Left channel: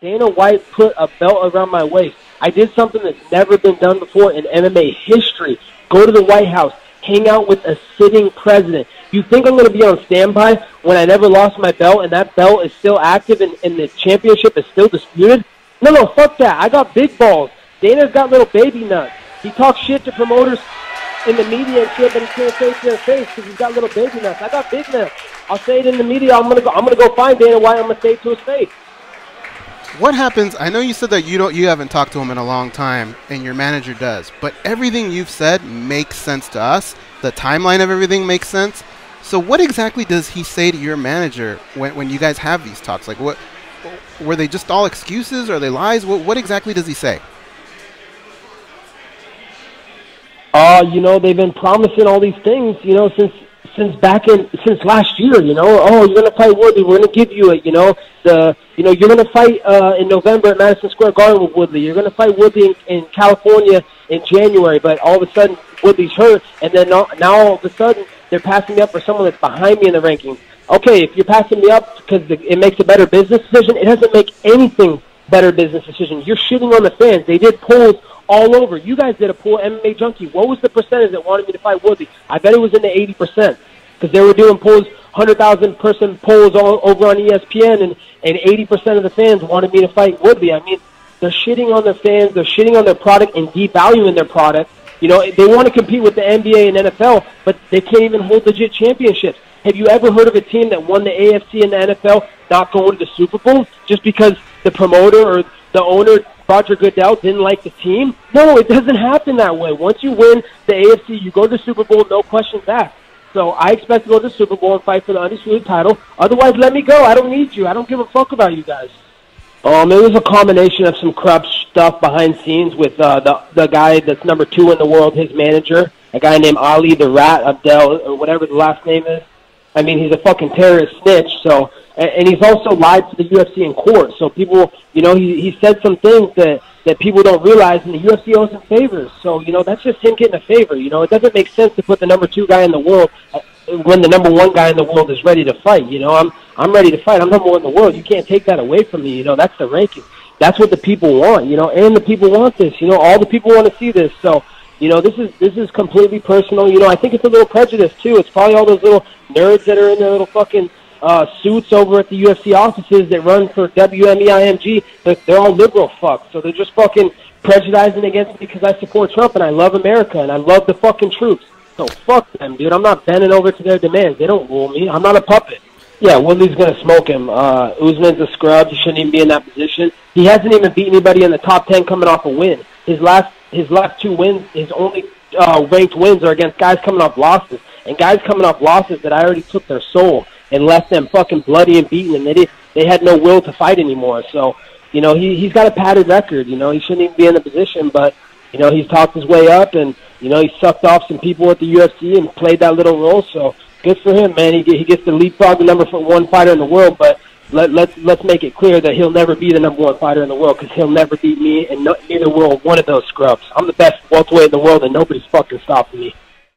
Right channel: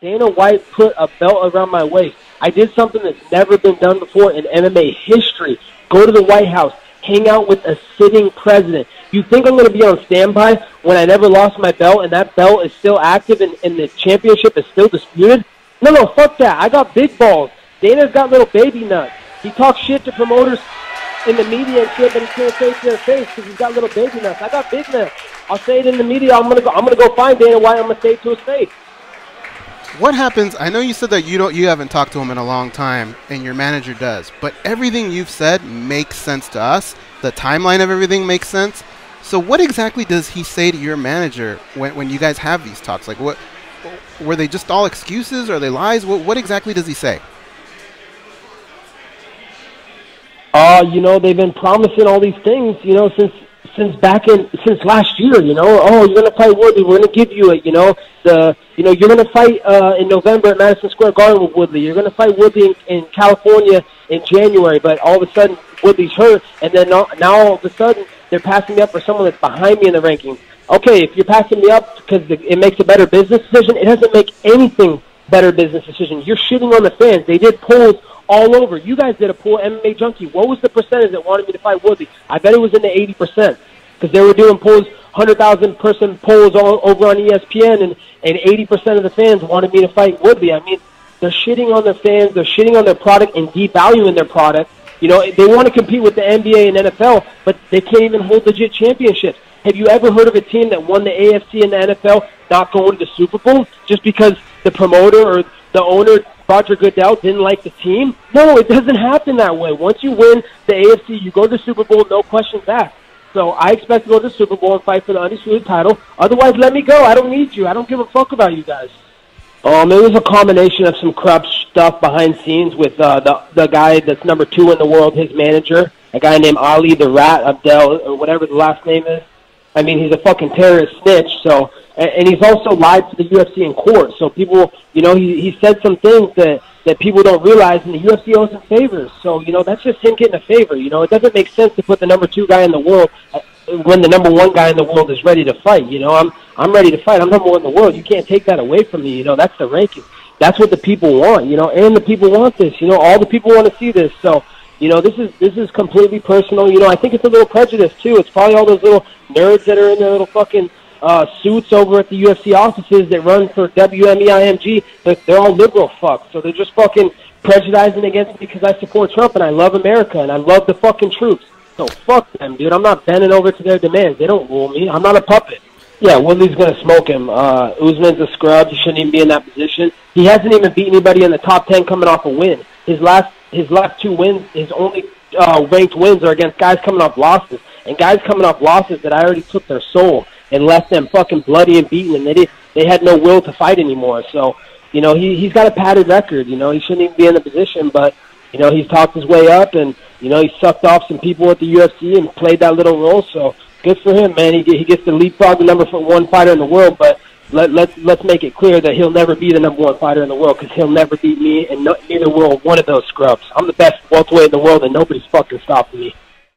Dana White put a belt around my waist. I did something that's never been done before in MMA history. Go to the White House, hang out with a sitting president. You think I'm going to be on standby when I never lost my belt and that belt is still active and the championship is still disputed? No, fuck that. I got big balls. Dana's got little baby nuts. He talks shit to promoters in the media and shit, but he can't say it to their face because he's got little baby nuts. I got big nuts. I'll say it in the media. I'm gonna go find Dana White. I'm gonna say it to his face. What happens? I know you said that you haven't talked to him in a long time, and your manager does. But everything you've said makes sense to us. The timeline of everything makes sense. So what exactly does he say to your manager when you guys have these talks? Like, what were they just all excuses? Are they lies? What exactly does he say? They've been promising all these things, since last year, you're going to fight Woodley. We're going to give you it, you're going to fight in November at Madison Square Garden with Woodley. You're going to fight Woodley in California in January, but all of a sudden Woodley's hurt, and then now all of a sudden they're passing me up for someone that's behind me in the rankings. Okay, if you're passing me up because it makes a better business decision, it doesn't make anything better business decision. You're shitting on the fans. They did polls all over. You guys did a poll, MMA Junkie. What was the percentage that wanted me to fight Woodley? I bet it was in the 80% because they were doing polls, 100,000 person polls all over on ESPN, and 80% of the fans wanted me to fight Woodley. I mean, they're shitting on their fans. They're shitting on their product and devaluing their product. They want to compete with the NBA and NFL, but they can't even hold legit championships. Have you ever heard of a team that won the AFC and the NFL not going to the Super Bowl just because the promoter or the owner, Roger Goodell, didn't like the team? No, it doesn't happen that way. Once you win the AFC, you go to the Super Bowl, no questions asked. So I expect to go to the Super Bowl and fight for the undisputed title. Otherwise, let me go. I don't need you. I don't give a fuck about you guys. It was a combination of some corrupt stuff behind scenes with the guy that's number 2 in the world, his manager, a guy named Ali the Rat Abdel, or whatever the last name is. I mean, he's a fucking terrorist snitch, so, and he's also lied to the UFC in court. So people, he said some things that people don't realize, and the UFC owes him favors. So, that's just him getting a favor. It doesn't make sense to put the number 2 guy in the world when the number 1 guy in the world is ready to fight. I'm ready to fight. I'm number 1 in the world. You can't take that away from me. That's the ranking. That's what the people want, and the people want this. All the people want to see this. So, this is completely personal. I think it's a little prejudice, too. It's probably all those little nerds that are in their little fucking suits over at the UFC offices that run for WMEIMG. They're all liberal fucks. So they're just fucking prejudicing against me because I support Trump and I love America and I love the fucking troops. So fuck them, dude. I'm not bending over to their demands. They don't rule me. I'm not a puppet. Yeah, Woodley's going to smoke him. Usman's a scrub. He shouldn't even be in that position. He hasn't even beat anybody in the top 10 coming off a win. His last 2 wins, his only ranked wins are against guys coming off losses. And guys coming off losses that I already took their soul and left them fucking bloody and beaten, and they had no will to fight anymore. So, he's got a padded record. He shouldn't even be in the position, but, he's talked his way up, and, he sucked off some people at the UFC and played that little role. So, good for him, man. He gets the leapfrog the number 1 fighter in the world, but let's make it clear that he'll never be the number 1 fighter in the world because he'll never beat me, and neither will one of those scrubs. I'm the best welterweight in the world, and nobody's fucking stopping me.